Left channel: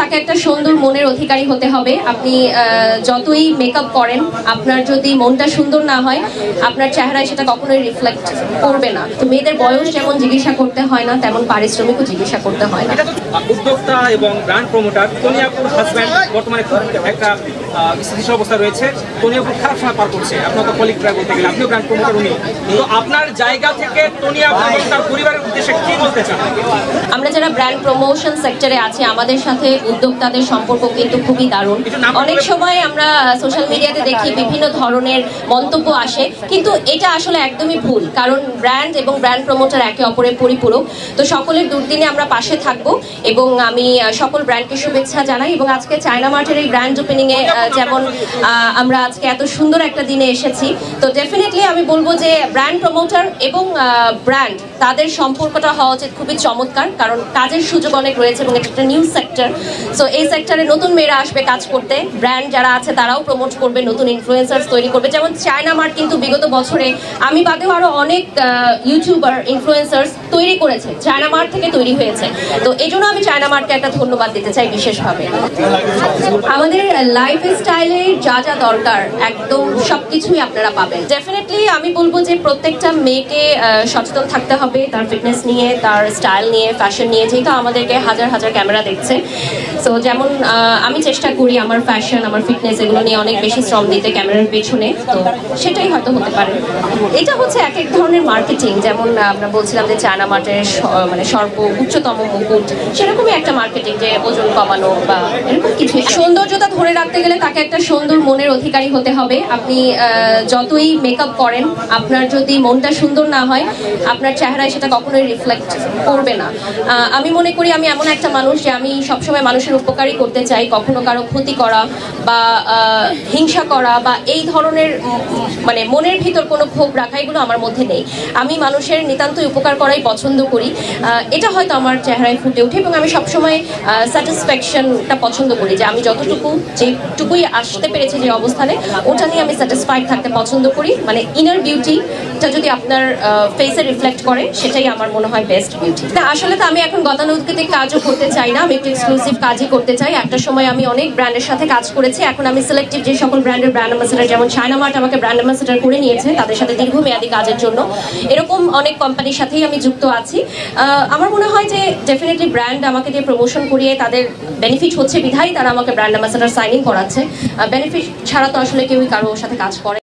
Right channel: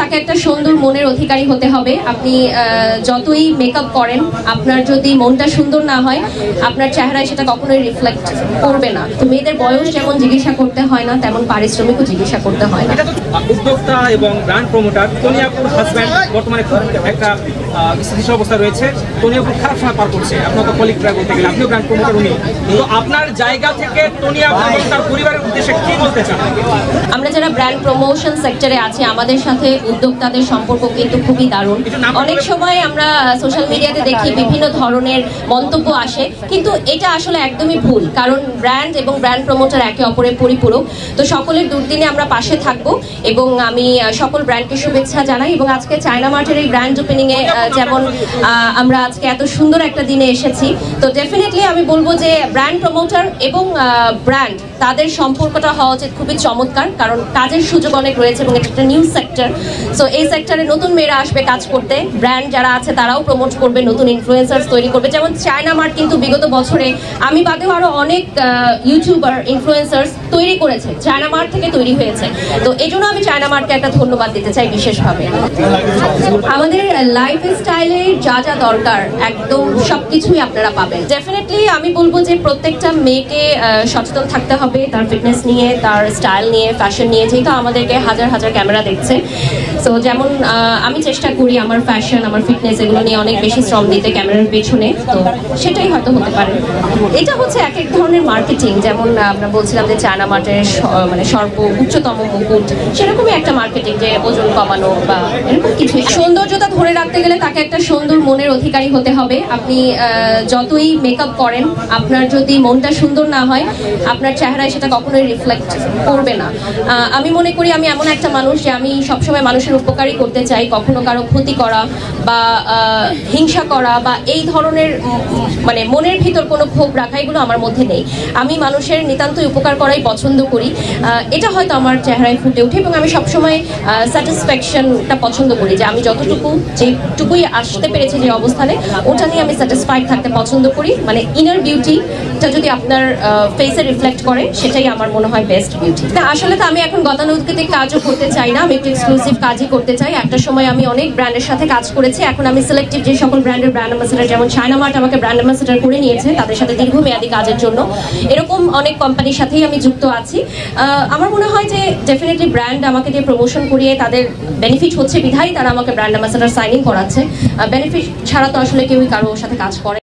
তাকে একটা সুন্দর মনের অধিকারী হতে হবে। আপনি যতই মেকআপ করেন, আপনার যদি মনটা সুন্দর না হয়, আপনার চেহারায় সেটা কখনোই রিফ্লেক্ট করবে না। তো মেয়েদের বয়স যেমন জিজ্ঞাসা করতে হয় না, তেমন পারিশ্রমিকও জিজ্ঞাসা করতে হয় না। উদ্যোক্তা এবং ব্র্যান্ড প্রমোটার টনি আপুর হাজব্যান্ড বর্তমানে একটা স্থিতিশীল অবস্থা রয়েছে। টনি আপু খারাপ সময় পার করছে, আপনার কলিগ বলতে গেলে আপনিও ব্র্যান্ড প্রমোটার, উনি তো আপনার জায়গা থেকে টনি আপু এবং তার পরিবারের উদ্দেশ্যে কি বলতে চান? আমরা যারা ব্র্যান্ড প্রমোশন সেক্টরে আছি, আমাদের সাথে উদ্যোক্তাদের সম্পর্ক কিন্তু খুবই দারুণ। অনেক সময় আমরা সোশ্যাল মিডিয়াতে দেখি বিভিন্ন ধরনের মন্তব্য আসে, কিন্তু এটা আসলে একদমই ভুল, কারণ ব্র্যান্ড এবং ব্র্যান্ড প্রমোটার একে অপরের পরিপূরক। তো সকলের দুর্দিনে আমরা পাশে থাকবো এবং আমি সকল ব্র্যান্ডকে শুভেচ্ছা জানাই। এবং আজকে চায়না মার্টের এই গ্র্যান্ড ওপেনিং এ যেমন আমরা আজকে এত সুন্দর একটা দিনে এসেছি, তো ডেফিনেটলি আমি বলবো যে ব্র্যান্ড প্রমোটার এবং ব্র্যান্ড তাদের সম্পর্কটা হওয়া উচিত খুবই চমৎকার, কারণ কাজের সুযোগ অনেক রয়েছে এবং একটা নিউ সেক্টর। সো এই সেক্টরে নতুন মেয়েরা আসবে কাজ করতে, ব্র্যান্ড যারা আছে তারাও প্রমোট করবে, নতুন ইনফ্লুয়েন্সার্স তৈরি করবে। যেমন চায়না মার্ট কিন্তু বিগত বছরে আমি বাদেও আরো অনেক ইউটিউবার ইনফ্লুয়েন্সার্স তৈরি করেছে, চায়না মার্ট থেকে তৈরি হয়েছে। তো এই জন্য আমি চায়না মার্টকে একটা ধন্যবাদ দিতে চাই বিশেষভাবে। আমাদের লাইফ স্টাইলে যা যা দরকার একদম সবকিছুই আপনারা পাবেন। ডেফিনেটলি আমি বলবো যে প্রত্যেকটা মেয়েকে সচেতন থাকতে হবে তার ফিটনেস নিয়ে, তার স্টাইল নিয়ে, ফ্যাশন নিয়ে, যেহেতু আমাদেরকে হাজার হাজার ক্যামেরা দেখছে। সো যেমন আমি চেষ্টা করি আমার ফ্যাশন, আমার ফিটনেস এগুলো নিয়ে অনেক বেশি শ্রম দিতে ক্যামেরার পিছনে, তো সেটাই হয়তো হতে পারে। এটা হচ্ছে এক এক ধরনের মার্কেটিং, যেমন আমরা বলছিলাম যে চায়না মার্টের মানে উচ্চতম মুকুট, সেরকমই একটা মার্কেটিং, যে ওজন কমানো বা এরকম কিছু। সৌন্দর্যতা ধরে রাখতে গেলে তাকে একটা সুন্দর মনের অধিকারী হতে হবে। আপনি যতই মেকআপ করেন, আপনার যদি মনটা সুন্দর না হয়, আপনার চেহারায় সেটা কখনোই রিফ্লেক্ট করবে না। আমি মনে করি আমি এমন একটা মানুষ যে আমি সবসময় মানুষের উপকারই করতে চাই, কখনো কারো ক্ষতি করা বা হিংসা করা বা এই ধরনের মানে মনের ভিতর কোনো ক্ষোভ রাখা, এগুলো আমার মধ্যে নেই। আমি মানুষের নিতান্তই উপকার করাই পছন্দ করি, এটা হয়তো আমার চেহারায় ফুটে ওঠে। এবং আমি সবসময় স্যাটিসফ্যাকশনটা পছন্দ করি, যে আমি যেটুকুই আসতে পেরেছি যে অবস্থানে, ওটা নিয়ে আমি স্যাটিসফাইড থাকতে পছন্দ করি। মানে ইনার বিউটিটা যদি আপনার ফেসে রিফ্লেক্ট করে, সেটাই আমার মনে হয় বেস্ট বিউটি। আসলে তো আমি এখন গতানুগতিক কাজও করতে চাই না, আমি একটু এক্সক্লুসিভ কাজই করতে চাই। একটা সময় আমি অনেক ব্র্যান্ডের সাথে কাজ করেছি, এখন আমি সিলেক্টিভ যে সকল ব্র্যান্ডের ব্র্যান্ড অ্যাম্বাসেডর, যেমন চায়না মার্ট আমাকে ব্র্যান্ড অ্যাম্বাসেডর করে নিয়েছে, তাদের সাথে দীর্ঘমেয়াদী কাজের জন্য, এরকম অনেক কোম্পানির সাথেই আমি যুক্ত আছি। আমার মনে হয় যে ডেফিনেটলি ব্র্যান্ড আমাকে দিয়ে প্রমোশন করিয়ে তাদের বেনিফিট হচ্ছে বিধায় তারা আমাকে ব্র্যান্ড অ্যাম্বাসেডর সাইনিং করাচ্ছে। বেনিফিট ছাড়া তো আসলে কেউই কারোর সাথে কাজ করে।